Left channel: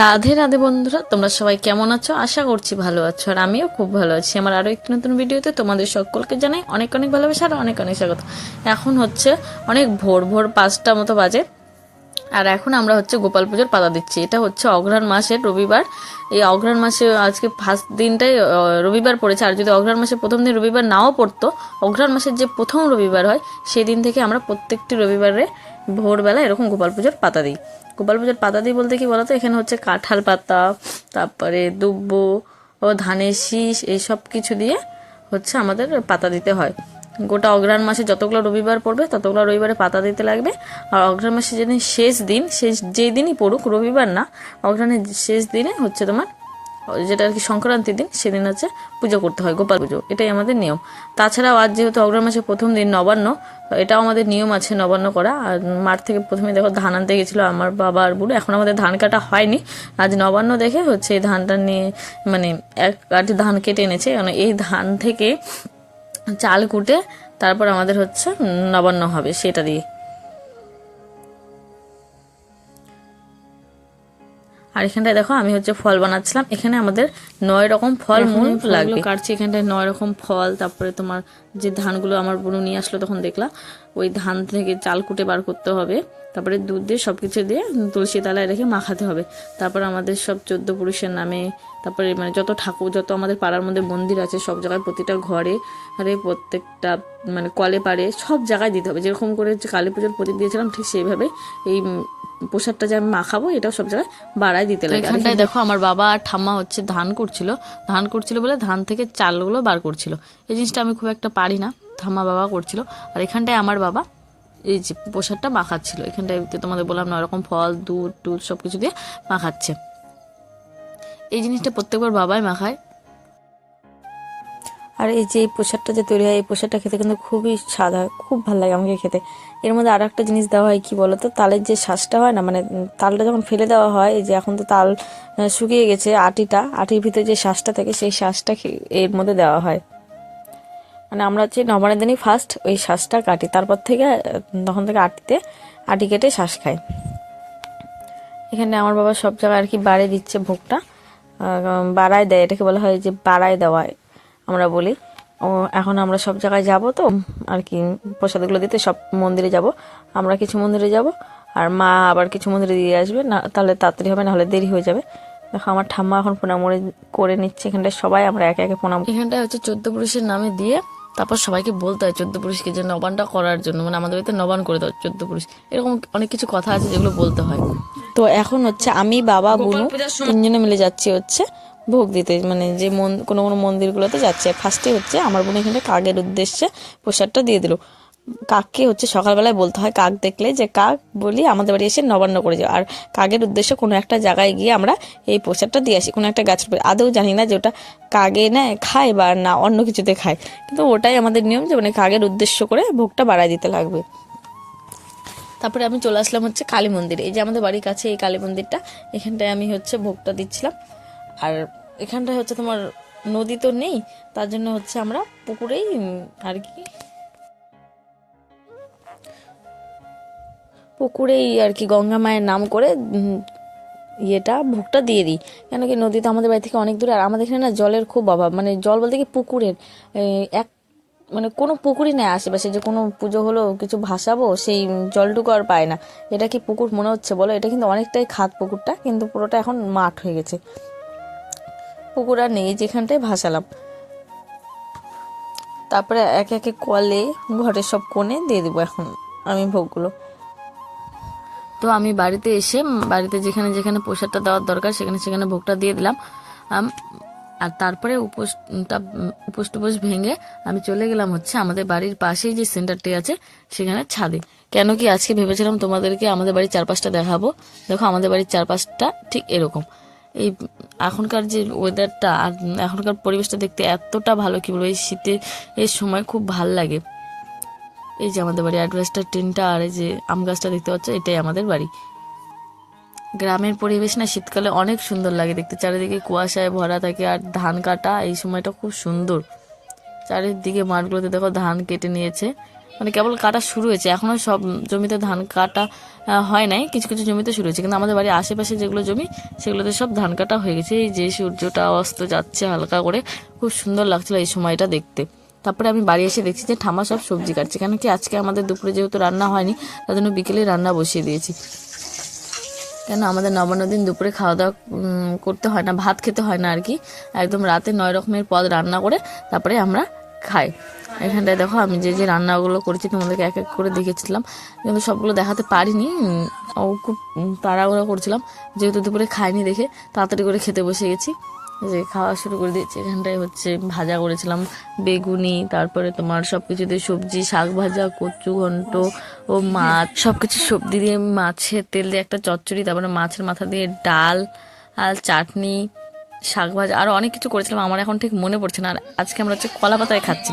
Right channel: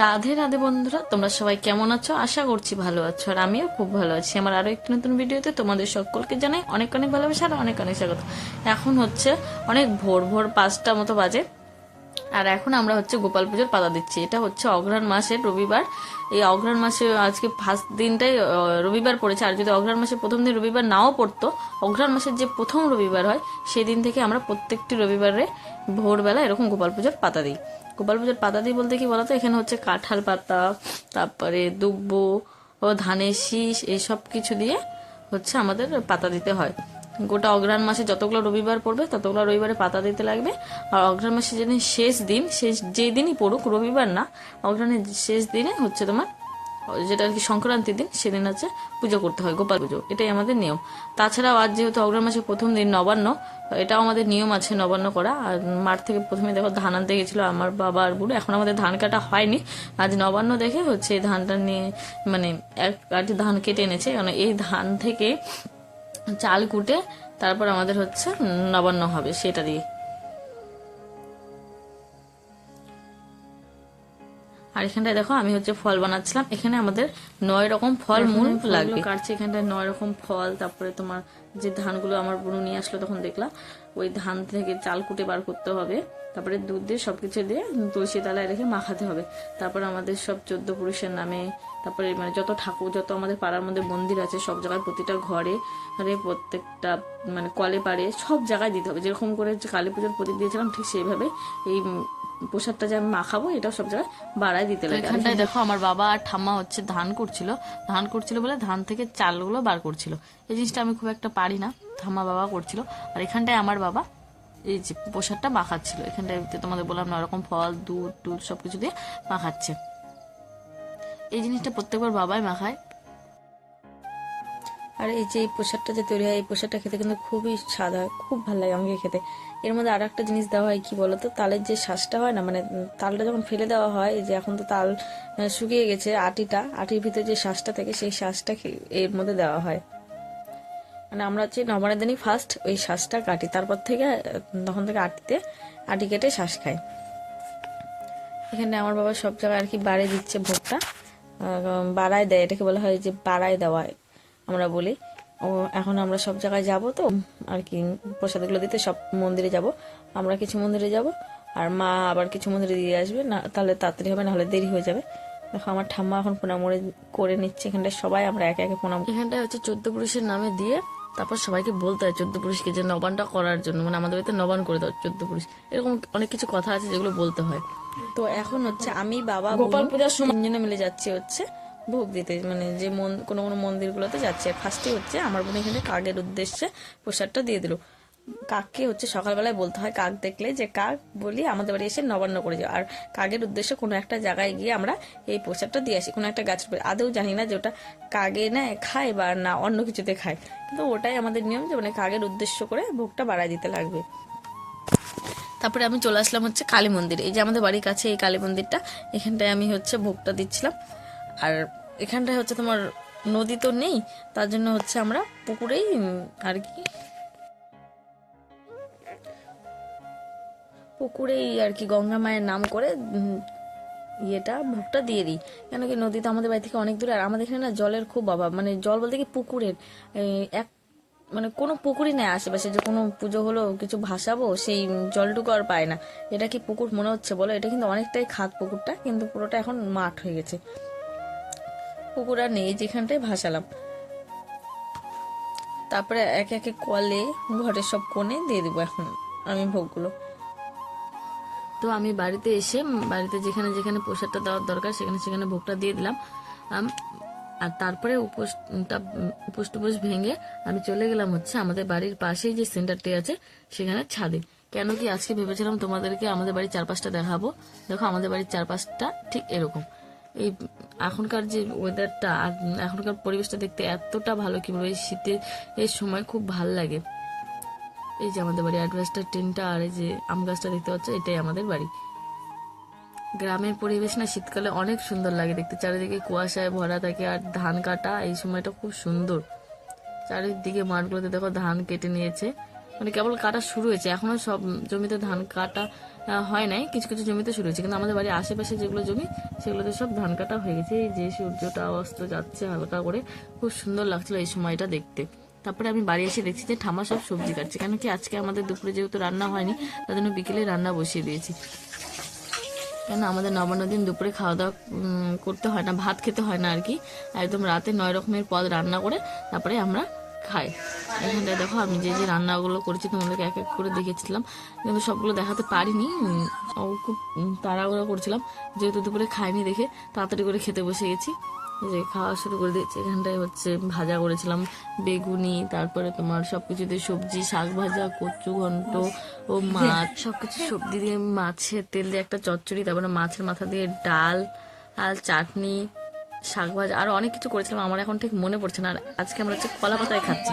রাধে রাধে বন্ধুরা, তোমরা সবাই কেমন আছো? আশা করছি ভালো আছো আর আমিও খুব ভালো আছি। আমার আরও একটি নতুন ভিডিওতে তোমাদের সকলকে জানাই অনেক অনেক ভালোবাসা আর অনেক অনেক স্বাগত। এখন হচ্ছে অনেক ভোর ভোর পাঁচটা মতো বাজে। আর এখন আমরা হচ্ছে গোপাল পুজোর পাতা দিচ্ছি। এটা হচ্ছে অঘ্রাণ মাসের রবিবার। এই অঘ্রাণ মাসে আজকে ফার্স্ট দিনটাই রবিবার পড়েছে। আর যদি অঘ্রাণ মাসে প্রথম দিন রবিবার নাও পড়তো, অঘ্রাণ মাসের যে প্রথম রবিবার হয় সেই দিন থেকে আমরা প্রত্যেকটি রবিবারে ভোরবেলা এরকম গোপাল পুজোর পাতা দিই। গোপাল পুজোর পাতা দিয়ে বলতে কি বলতো? এখানে হচ্ছে কাঁঠাল পাতা, তারপরে দুব্ব ও ধানের শীষ এইসব কিছু দিয়ে হচ্ছে আমাদের পাতা দিতে হয়। গোটা অগ্রহায়ণ মাসে যতগুলো রবিবার পড়বে, ততগুলো রবিবারে পাতা দিতে লাগবে। আর অগ্রহায়ণ মাসে যেদিন শেষ দিন, শেষ যেই দিনই পড়ুক, রবিবার না, অগ্রহায়ণের শেষ দিনে হচ্ছে তোমার যেটা আর কি সংক্রান্তির দিন, সেদিন হচ্ছে পুজো করতে হয়, গোপাল পুজো। এটাই আমাদের নিয়ম। তাছাড়াও আজ যেহেতু অগ্রহায়ণ মাসের প্রথম দিন নবান্ন, এটাও আমাদের নিয়ম আছে নবান্ন করা। আর মাঠ থেকে প্রথমে দেখো ধান আনতে গেছিল আমার বাবা আর বুড়ো। এখন আমাদের ধান কাটা হয়নি। আজ নবান্ন দেখে হচ্ছে এই ধানটা নিয়ে মানে এক কাটি ধান কেটে এনেছে। মানে এই ধান থেকে চাল কুটে তারপর আমাদের হচ্ছে নবান্ন হবে সেটা দিয়ে। আর এখানটায় দেখো আমি হচ্ছে ফল বানাচ্ছিলাম। এখানে আমাদের নয় রকম ফল মূল লাগবে। কাটছি এখানটায় নয় রকম ফল তারপরে তোমার যে ধানগুলো আমার বোনু নিয়ে আসলো তখন দেখলাম ওই ধান থেকে চাল কুটে বার করতে হবে। তারপরে দুধ দিয়ে সব কিছু দিয়ে তুলসী তলায় রেখে মাখাতে হবে। তারপর আমাদের সব চোদ্দ পুরুষের নামে তারপরে মানে যত ঠাকুর যত আমাদের পাড়ার মধ্যে মন্দির আছে সব জায়গায় প্রতিটা ঘরে ঘরে প্রত্যেকটা মানে কলে পাড়ে সব জায়গায় দিতে হবে। যেরকম করে কালী পুজোর প্রদীপ দিয়েছিলাম ঠিক সেইভাবে এই প্রসাদটা যে আমি মাখাবো এটাও সব জায়গায় বাড়ায় দিতে লাগে। এখানটায় দেখো আমার বাবা আর ঠাম্মা হচ্ছে ধান করছিল ধান করছিল বলে ধান থেকে চালগুলো বার করছিল। এই জিনিসটা আমি খুব একটা পারি না ঠাম্মা বাবা করছিল। আর এখানটায় আমার বাবা এই যে প্রসাদটা মাখাচ্ছিল। এখানটায় তোমাদের বললাম না এরকম ফল দুধ টুধ সব কিছু দিয়ে মাখাচ্ছে। এই জিনিসটা প্রত্যেকবার বাবাই মাখায়। আর এই যে প্রসাদটা যে তৈরি হয়, এই প্রসাদটা খেতে কিন্তু খুবই স্বাদ হয়, খুব ভালো লাগে আমাকে খেতে। এর মধ্যে আর একটা জিনিস দেওয়া হয়, কি বলতো? তালের যে শ্বাসটা হয় না মানে তালটা যখন ফেলে দেওয়া হয়, এই যে এখন তো তাল শুকিয়ে গেছে আটিটা, আটির ভিতরে যে শ্বাসটা থাকে, সেই শ্বাসটা এর মধ্যে দেওয়া হয়। মানে আমরা হচ্ছে নবানের দিনই ফার্স্ট ওই শ্বাসটা কাটি, তারপর থেকে তখন থেকে আটিতে, আটি কেটে শ্বাস খাই। এখানে আমার বাবা সব জায়গায় আর কি বাড়ে দিচ্ছে ভোগটা বাড়ায় দেয়, এটাকে বলা হয় যে বাড়ায় দেওয়া। আমরা বলি। ও এখন আমরা সব জায়গায় যাব তো আর কি প্রসাদগুলো দিতে সব মন্দিরে যাব। আমরা কিছু মন্দিরে যাব আর মা আবার কিছু মন্দিরে দিয়ে আসবে। না তাহলে তাড়াতাড়ি হবে না হলে দেরি হয়ে যাবে। দেখো আমার ঠাম্মা এখন প্রণাম করে- নিচ্ছে এখানটায়। সবাই আমরা একে একে প্রণাম এখানটায় হচ্ছে চোদ্দ পুরুষের নামে দিয়ে তারপর সবাইকে বলতে হয় চোদ্দ পুরুষকে যে নবানটা করার জন্য। মানে আমাদের বাড়িতে নবান করে দাও চোদ্দ পুরুষ। এরকম অনেক কিছু কথা আছে যেগুলো বলতে হয়। তো এখন হচ্ছে আমি বাবা বুনু তিনজনে মিলে যাচ্ছি হচ্ছে। ভোগ দিতে। মানে যে মন, কোনো কোনো মন্দিরগুলোতে যাচ্ছে। ফার্স্টে হচ্ছে আমার বোন এখানে কাকের উদ্দেশ্যে প্রসাদটা দিয়ে দিল। কাককে হচ্ছে সকালবেলায় বলতে হয়, কাক দেখলে যে কাক বলি আমাদের বাড়ি এসে নবান্ন করে যাও। আর কাকের উদ্দেশ্যে কোনো একটা জায়গায় গিয়ে আমরা এই প্রসাদটা দিয়ে আসি, কোনো একটা গাছের। আদৌ জানি না যে ওটা কাগে নেয় খায় বা না অন্য কিছুতে খায়। কিন্তু ওটাই আমাদের নিয়ম যে মানে কাকের উদ্দেশ্য করে ভোগটা বাড়ায় দিতে লাগবে। তারপরে আমি চলে আসলাম হচ্ছে কালী মন্দিরে। এই যে আমাদের বাড়ির কাছে এই কালী মন্দিরটা, এখানটায় আমি হচ্ছে ভোগটা দিচ্ছিলাম। আর এখানটায় হচ্ছে তোমার নদী তো নেই, তার জন্য হচ্ছে আমরা পুকুরেই আর কি পুকুরেই আর কি গঙ্গা মায়ের নাম করে ইয়েটা, ভোগটা দিয়ে দিই। কেন কি নদী তো আমাদের বাড়ি থেকে অনেক দূরে, আর আমাদের এখানে না জলের খুব অভাব। মানে জল বলতে কি পুকুরের এক মানে কোনো পুকুরই নেই আশেপাশে। যে কোনো পুজো হলো, কিছু ভাসাবো, সেই জলটুকু আর পায় না। এটা কি পুকুর মনে হচ্ছে বলো? এটা কিন্তু অনেকটাই খাত পুকুরটা, কিন্তু পুরোটা এখন মাঠ হয়ে গেছে। পুকুর আর নেই, যেখানটায় ভাসালাম। তারপরে একে একে কলে ঘরের সব কোণে দিয়ে দেবো এখন আমি ভোগগুলো। তো আমি বাড়িতে এসে বাড়িতে যেখানে যেখানে প্রসাদটা দেওয়ার দরকার, সেখানে সেখানে ভোগটা দিয়ে দিলাম। আর তারপরে উপোসটা উপোস টুপোস ভেঙে আমি চলে গেলাম হচ্ছে আমাদের বাড়ির পাশেই যে সেন্টারটি আছে, সেখানে ছাদে। কেন কি আজকে ভেবেছিলাম তোমাদেরকে আমাদের বাড়ির চারপাশটা দেখাবো। দেখো আমাদের বাড়ির চারপাশটা ঠিক এরকম। এই এখনকার যে ওয়েদারটা আর এখনকার পরিবেশটা দেখতে এতটা ভালো, কি বলব? এই শীতের এই সময় খুব ভালো লাগে। এই যে আমাদের বাড়ি অ্যাডভেস্টার টিনটা আর এই যে আম গাছটা দেখতে পাচ্ছ, এটাই আমাদের বাড়ি। গ্রামের পরিবেশ না শীতকালে অনেক সুন্দর লাগে দেখতে। চারিদিকে কুয়াশায় ভরা থাকে আর ধান কাটা এই সময়টা খুব সুন্দর। চারিদিকে মাঠগুলোতে দেখো ধান কেটে নিয়েছে। মানে কেবল কাটা শুরু হয়েছে। এখনও সব জমিতে ধান কাটা হয় নাই। কিছু কিছু জমিতে শুরু হয়েছে। কিন্তু আমাদের বাড়ির আশেপাশে যেগুলো জমি, সেগুলোতে সব ধান কাটা হয়ে গেছে। এই যে সূর্যটা অস্ত যাচ্ছে হালকা করে, খুব সুন্দর লাগছিল এই সময়টা দেখতে। তারপরে আমি বাড়ি এসে দেখছি যে ঠামা সব সবজি কাটছে। কেন কি আজকে আমাদের দুপুরে যেহেতু রান্না হয়নি, তার জন্য বিকেলে রান্না বসিয়ে দিয়েছি। কেন আমাদের নবান্ন দিন দুপুরে খাওয়া দাওয়া করতে হয় না, ভাত খেতে হয় না আর কি। একদম রাতে নয় রকমের পদ রান্না করে তারপরে আমরা খাই এখানটায় দেখো, আমি যে যে রান্নাগুলো করেছি, তোমাদেরকে এক এক করে দেখেছিলাম কিন্তু সবগুলো দেখাতে পারিনি। ও খুব তাড়াহুড়ো করছিলাম। যেহেতু দুপুরে খাইনি দেখে তাড়াতাড়ি করে খেতে বসে গেছি। যে, খাওয়া শুরু করে দিয়েছি। এখানটায় হচ্ছে ভাজা করেছিলাম, বেগুনি, তারপরে তোমার সব কিছুতে সবজি, শাক ভাজা, কচু ঘন্ট ও মাছ। সব কিছু সবজি দিয়ে মাছের তেল দিয়ে একটা চচ্চড়ি, তারপরে মাছের মাথা দিয়ে ডাল আর চাটনি। শাক ভাজা আরও অনেক কিছু করেছিলাম, আমার এখন ঠিক মনে পড়ছে না। আর আজকে আমরা হচ্ছে কলা পাতায় খাচ্ছি।